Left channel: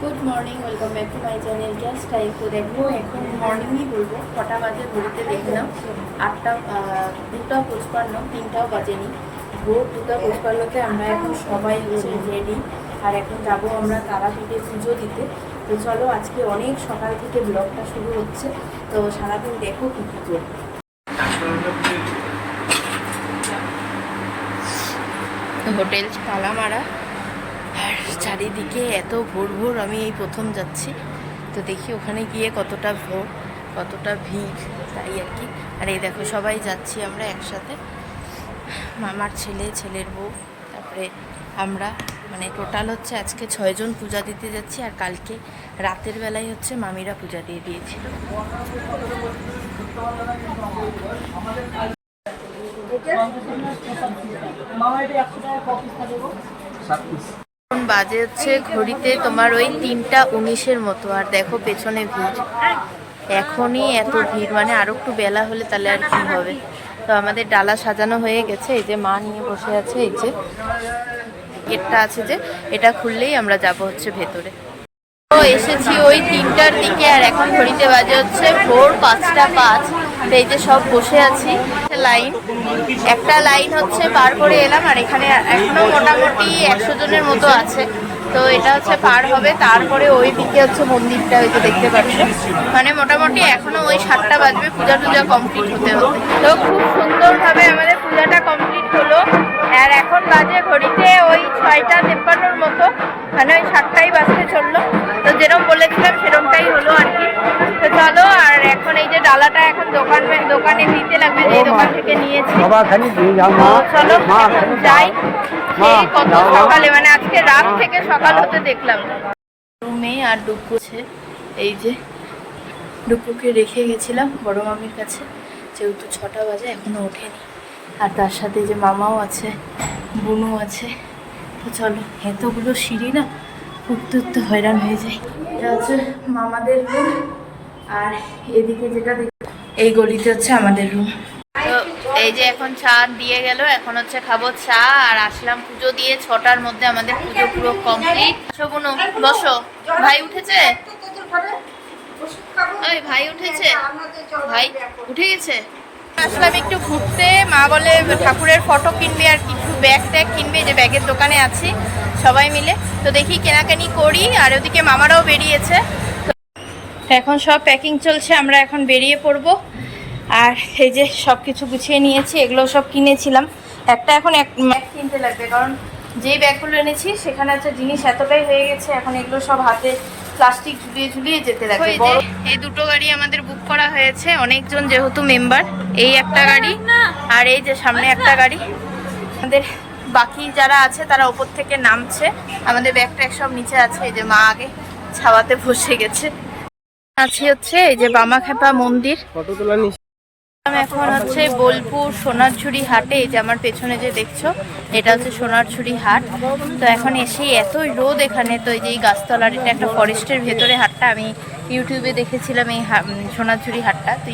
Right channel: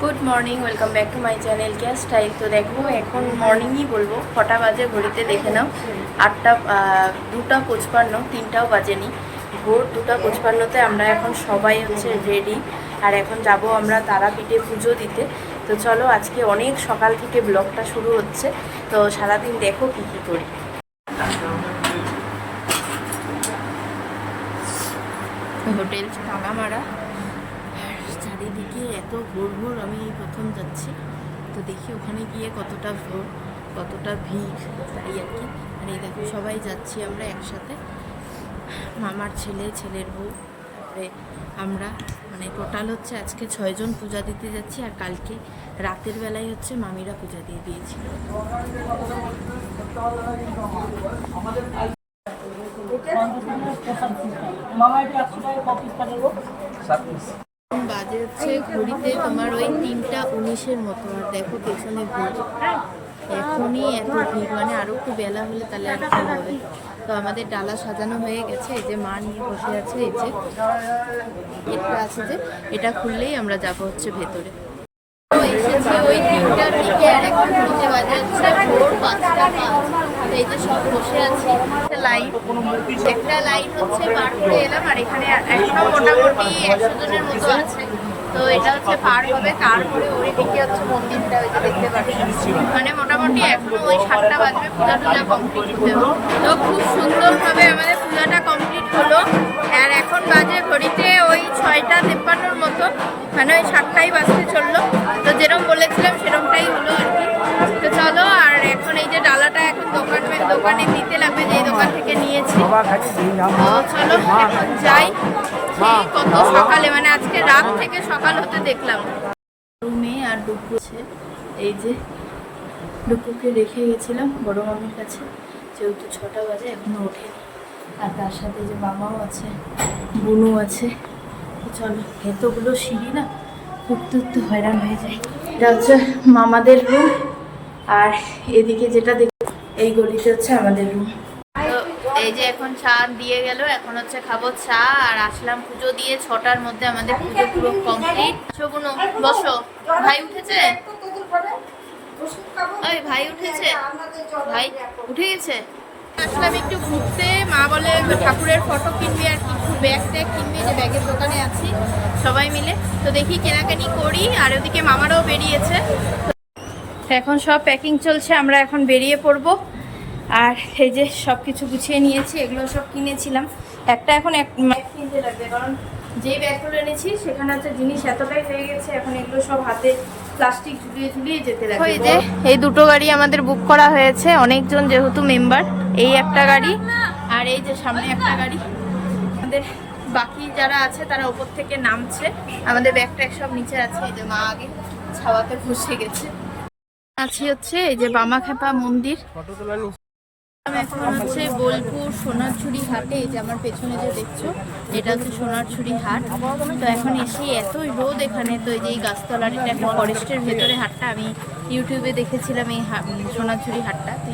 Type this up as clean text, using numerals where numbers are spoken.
Good morning, welcome back to my channel cash style. তো দেখো এখন মর্নিংই বলবো, কটা বাজে ঘড়িতে দেখে নাও। 2:55, 3টাও বাজেনি, ভোর 2:55-তে আমরা এখন সবাই হচ্ছে রেডি। আর এখন যাব আমরা তারাপীঠে পুজো দিতে। তো চলো, আজকে অনেক সকাল থেকে ব্লগটা শুরু হচ্ছে। তো সারাদিন দেখো কী কী করি। হোটেল তালা মারা, আর চারিদিকে এত ভোর ভোর, আমি এই প্রথম যাচ্ছি। তো দেখি ওখানে গিয়ে কতটা ভোর, কতটা ভিড়, তাই আর কি। আর এই দেখো সবাই যাচ্ছি আমরা একসাথে, মামার ছেলে, ছেলের বউ, তারপরে আমরা, মানে টোটাল হচ্ছে আজকে 6 জন পূজা দিতে যাচ্ছি। আর কালকে রাতের বেলায় হচ্ছে মামিরা পূজা দিয়ে দিয়েছিল। এখন বাজে হচ্ছে ঘড়িতে তোমার ওই 3:19-এর মতো। আর দেখো পেছনে ভিড়, এখনই এত ভিড়, মানে আরো একটু বেলা হলে তাহলে আর কি হবে। তো আমাদের ডালা সাজানো হয়ে গেছে, এই যে মা নিয়ে বসে আছে, এই যে গেটটা আছে, যে এটা খুললেই আমরা যাব হচ্ছে ভেতরে। তো এসেছি ওই 3টার দিকে, আর এখন ঘড়িতে বাজে হচ্ছে ভোর 5:05। তো এই যে সব বসে আছি, একটা লাইন হচ্ছে পার করে এলাম। আর এখানে এখনো মোটামুটি 100 জনের মতো আছে। তো এটা হচ্ছে পার হবে, তারপরে ওই দিকে হচ্ছে মন্দিরটা, ওই যে দেখতে পাচ্ছি। মানে মোটামুটি এখনো ওই 7টা বাজবে পূজা টুজা কমপ্লিট হতে হতে। তো খুব সুন্দরভাবে আমাদের পূজাটা কমপ্লিট হলো। আর এখন বাজে ঘড়িতে ওই 6:53-র মতো, মানে ওই 7টাই বাজতে চললো। তো যেরকম বলেছিলাম সেরকমটাই হলো আর কি। তো চলো, আর এখন এই যে ডালাটা এখন দোকানে দিতে লাগবে, যে দোকান থেকে নিয়েছি। তো চলো এখন যাই। সেই কত সকালে, মানে আজকে রাত থেকে সকাল হতে দেখলাম। রুমে আর ডুকু আছে, এই যে ডুকুকে রেখে গেছিলাম বড় মামির কাছে, যেহেতু 6টা বাজে এখনো ওঠেনি। আর তার সাথে যে মামাও আছে, বুনু আছে। তো চলো, এতগুলো সিঁড়ি না, উঠতে উঠতে হয়রান হয়ে যায়। যাচ্ছে মামাদের রুম, আর এদিকে যেটা দেখ, এই গলিতে হচ্ছে আমাদের রুম। তো এই যে এখন চা দিয়ে গেল, এখন হচ্ছে খাবো চা। আর আসলাম পুজো দিয়ে, 6টার মধ্যে আমাদের পুজো পুরো কমপ্লিট। শোনো, বসো। ভাই উঠেছে? ওই ভাই উঠেছে, ভাই উঠে গেছে। আসলাম একটু ঘুরতে, মা বলে ঠাকুরের ফটো কিনবে আর কিছু ব্যাগ ট্যাগ কিনবে, যে ব্যাগের দোকানে আছি সবাই মিলে। তো দেখি কেনাকানি করি। আর ওদিকে মামারাও বেরিয়েছে। তো এখন সব প্যাকিং চলছে, আমরা এখন বেরিয়ে পড়বো। আর এই যে সব কিছু গুছিয়ে নিয়েছি, এগুলো সব কিনেছিলাম। একটা এখন এক ব্যাগ কিনতে লাগবে, কারণ যেই ব্যাগগুলো এনেছি সেখানে হচ্ছে জিনিস এতটাই হয়ে গেছে, এখন এগুলো সব হাতে প্লাস্টিক ঝুলিয়ে ঝুলিয়ে যেতে লাগবে। এই দুটো গাড়ি আমাদের বুক করা হয়েছে, অনেকজন যেহেতু মেম্বার। এই একটা গাড়ি, আর এই যে সামনে একটা গাড়ি। আমাদের বাকি যারা আছে তারা উপর থেকে নামছে, আমাদের ব্যাগ ট্যাগ সব নিচে আছে। এই যে মা আগে ছাওয়াতে বসে গেছে। আছি হচ্ছে এই যে বামাখ্যাপা মন্দির। এখন হচ্ছে বোলপুর সোনারঝুরি হাটে, এই যে আমার পেছনে যে দেখছো, এটা হচ্ছে সোনারঝুরি হাট। তো এখন এসে এতই রোদ এখানে। তো এই যে এই গাছতলার, এটা একটা ফরেস্টের ভেতরে হাটটা, আমি ইউটিউবে দেখেছিলাম এই সোনারঝুরি হাটটা। তো